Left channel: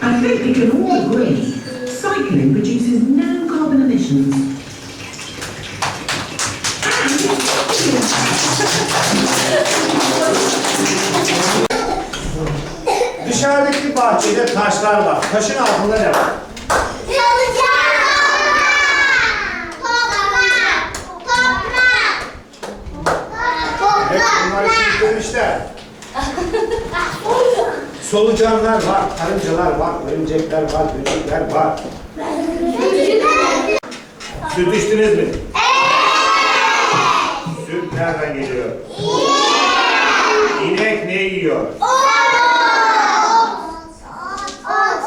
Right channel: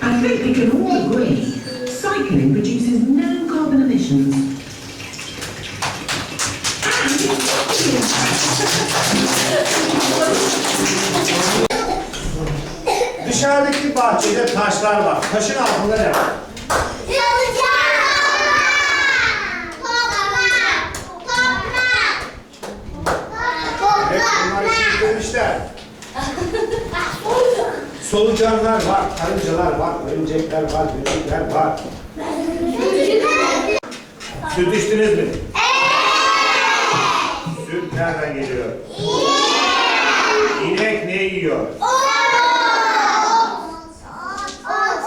I think we can all agree cycling produces no carbon emissions. Dışarıdaki bahçede taşlar var. Taşın altında ne var? Evet, bunlar için demişler. Solucanlar var, karıncalar var, örümcekler var, böcekler var. Süt içtiniz mi? Süt nereden geliyor? İnek ne yiyor?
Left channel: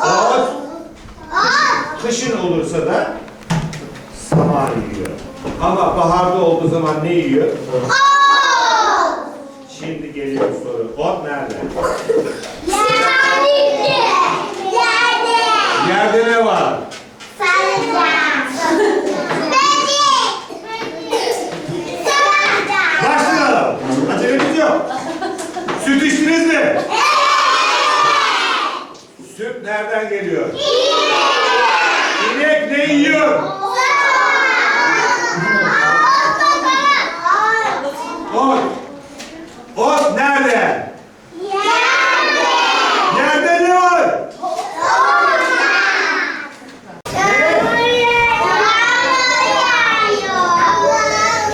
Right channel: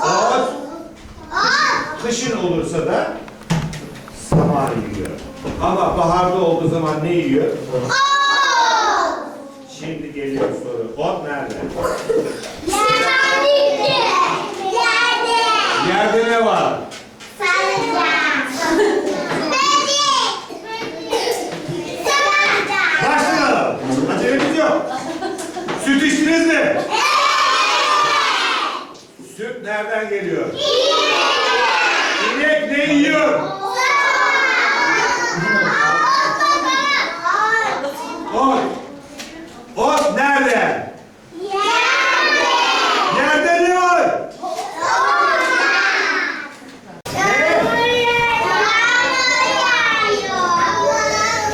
Ot. Kışın olursa da saman yiyor. Ama baharda olduğu zaman ne yiyor? Şimdi geliyor soru. Ot nerede? Yerde ne var? Başlayalım. Acelemiz yok. Süt içtiniz mi? Süt nereden geliyor? İnek ne yiyor? Ot nerede? Yerde ne var?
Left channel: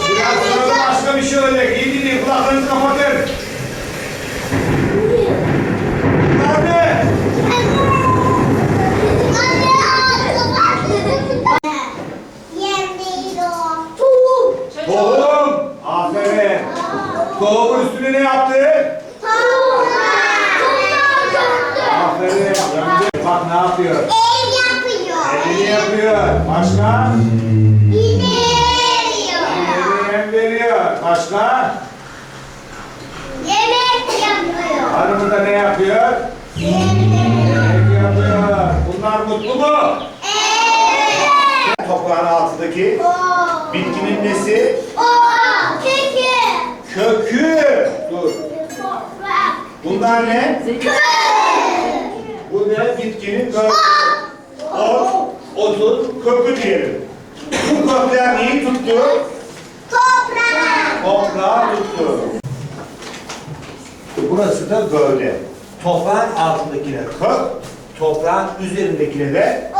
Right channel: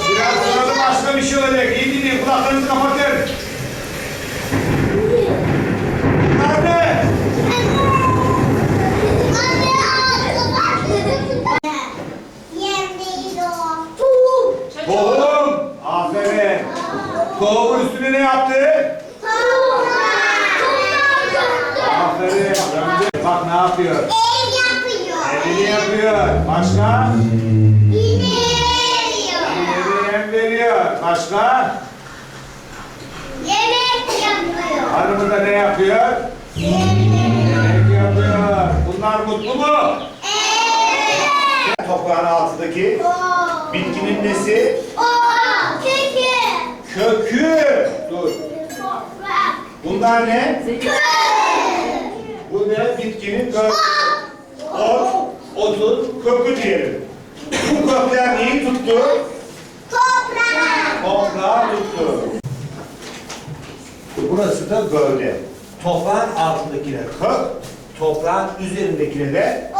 Biraz sonra başka bir şey olacak. İyi dinleyin. Kulaklarınızı kapatın. Nerede? Tohum. Aferin. Tohumun üstüne ne yaptı? Aferin. Bak ne yapıyor? Elini yapıyor. Başka? Hem veriyor. Başka? Hanımı da ne yapıyor? Yemek yapıyor. Bunlar mutlu mu? Toprağın altındaki bitkinin nesi? Kökü. Dur. Bunlar ne? Bu ne? Bitkinin kökü. Ot, otun kökü diyelim. Bu kökler neyi tuttu? Toprağı tuttu. Burası da gövde. Toprağın altındakine kök, toprağın üzerindekine de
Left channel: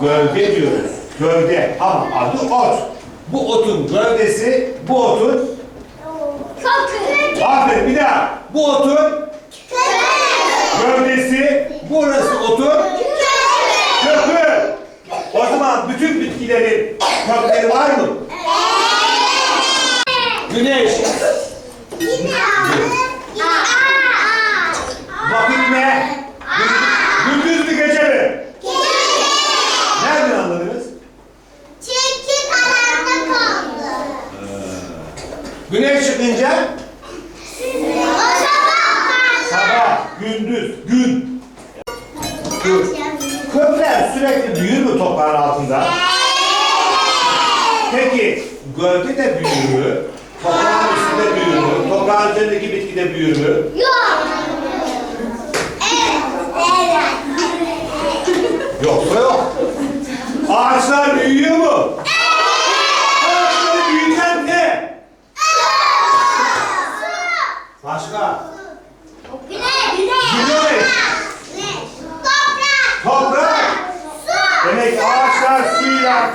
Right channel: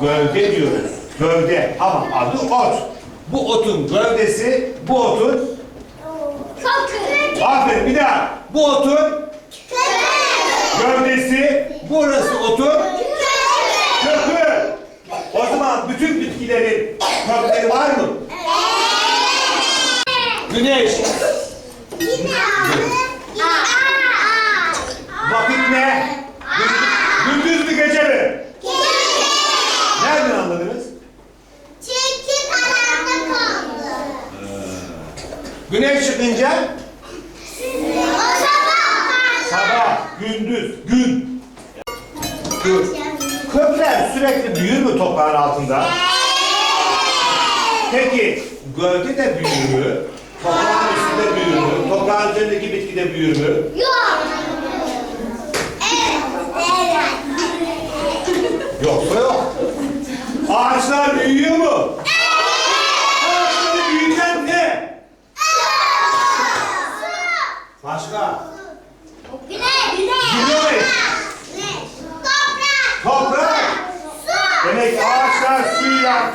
gövde diyoruz. Gövde ama adı ot. Bu otun gövdesi, bu otun, aferin bir daha. Bu otun gövdesi, burası otun kökü. O zaman bütün bitkilerin kökleri var mı? Güneş, vakit ne? Gündüz mü gece mi? Nereden anladınız? Güneş çıkınca sabah, gündüz, gün. Dur. Kökler sürekli büyür mü toprağın altında? Peki gövde de büyür mü? Toprağın üstünde büyür mü? Toprağın üzerindeki bitki de büyür mü? Yoksa yok. Ağaçlar büyüyor mu? Ağaçları büyüten ne? Başka? Güneş. Toprak. Demek ağaçlar suyla, suyla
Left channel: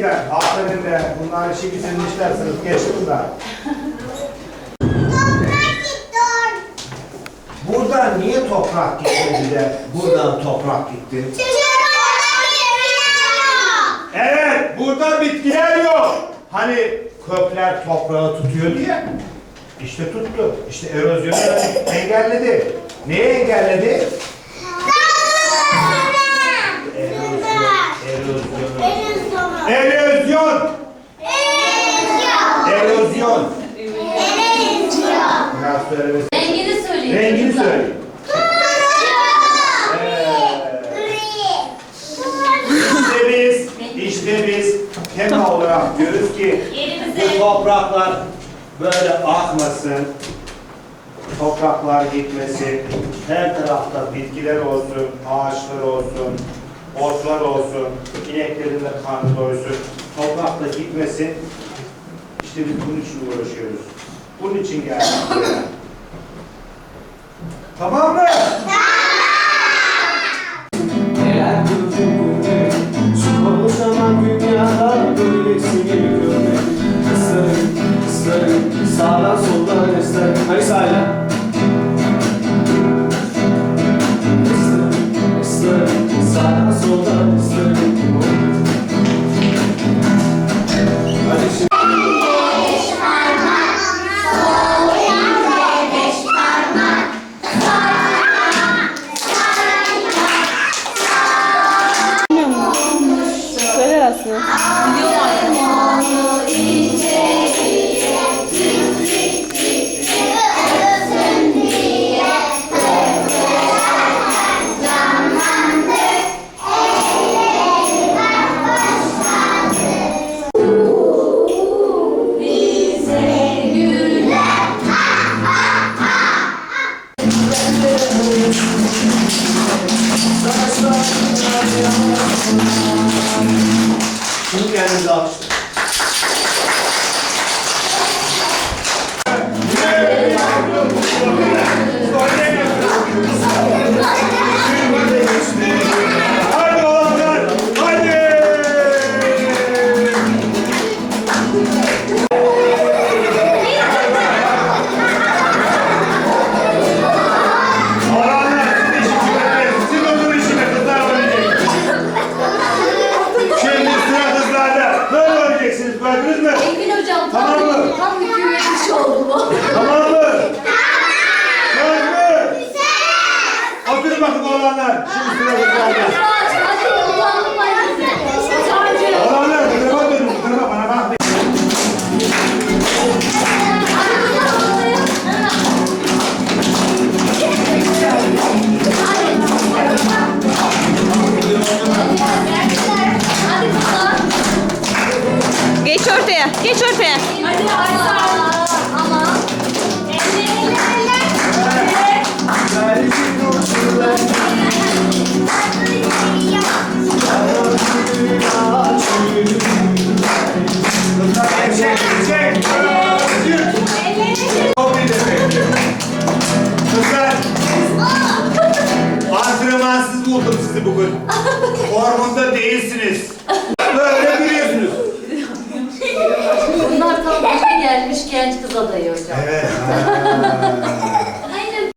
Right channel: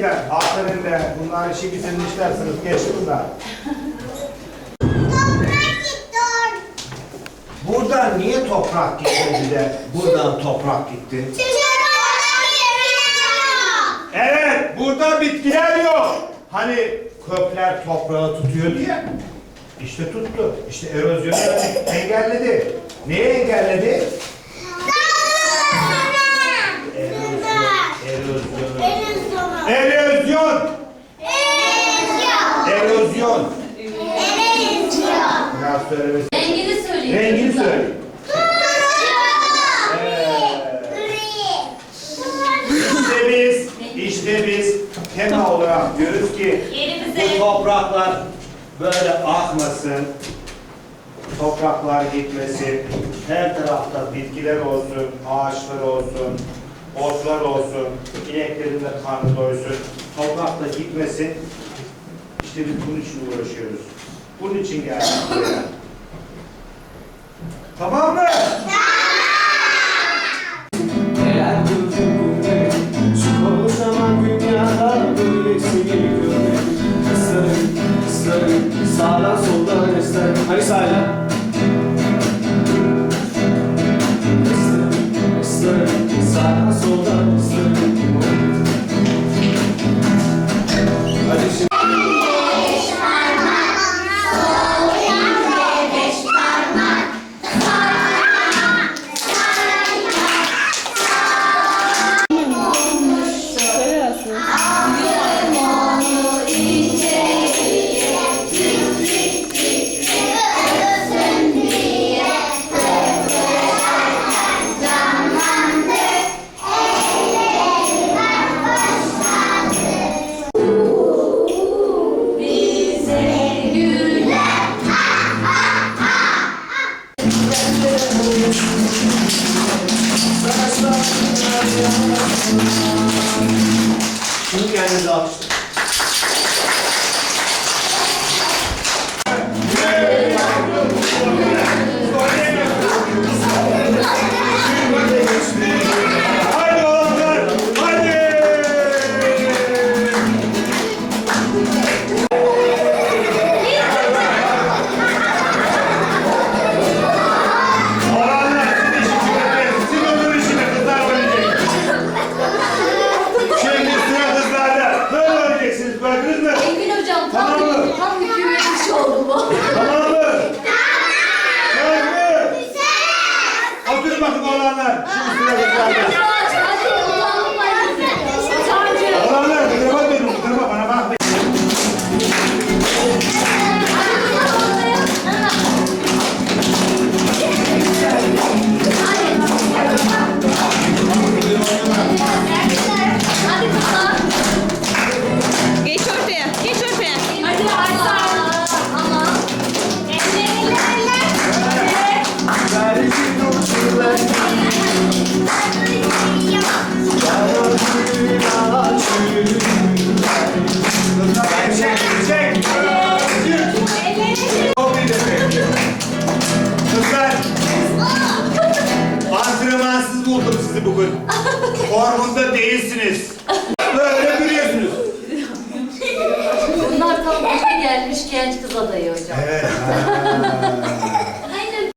büyüyecekler. Aferin de. Bunlar işi bitirmişler sınıf geçti bunlar. Buradan niye toprak gitti bir de? Buradan toprak gitti. Evet, burada bitkiler yok. Hani kökler toprağı tutuyor diye. İşte tuttu. İşte erozyonu engelledi. Neyi engelledi? Söylemesi. Rengini söyleyin. Rengini söyle. İşte biz, işte biz tema olarak diyoruz ki bu Yerimize topraklar böyle akmasın, topraklar gitmesin, her tarafta bitkiler olsun, ağaçlar olsun, otlar olsun, ineklerin de karnı doysun, toprak da gitmesin. İşte biz bunun için uğraşıyoruz. Bunun için geldik buraya. Tamam mı? Şimdi kendinizi alkışlayın Oğlanlar. Şimdi sıra kızlarda. Sizi bugün. Formunda değilsiniz. Böyle duruyorsunuz. Bunlar tam başa gelmiş genç kız adayı hocam. Evet. ha.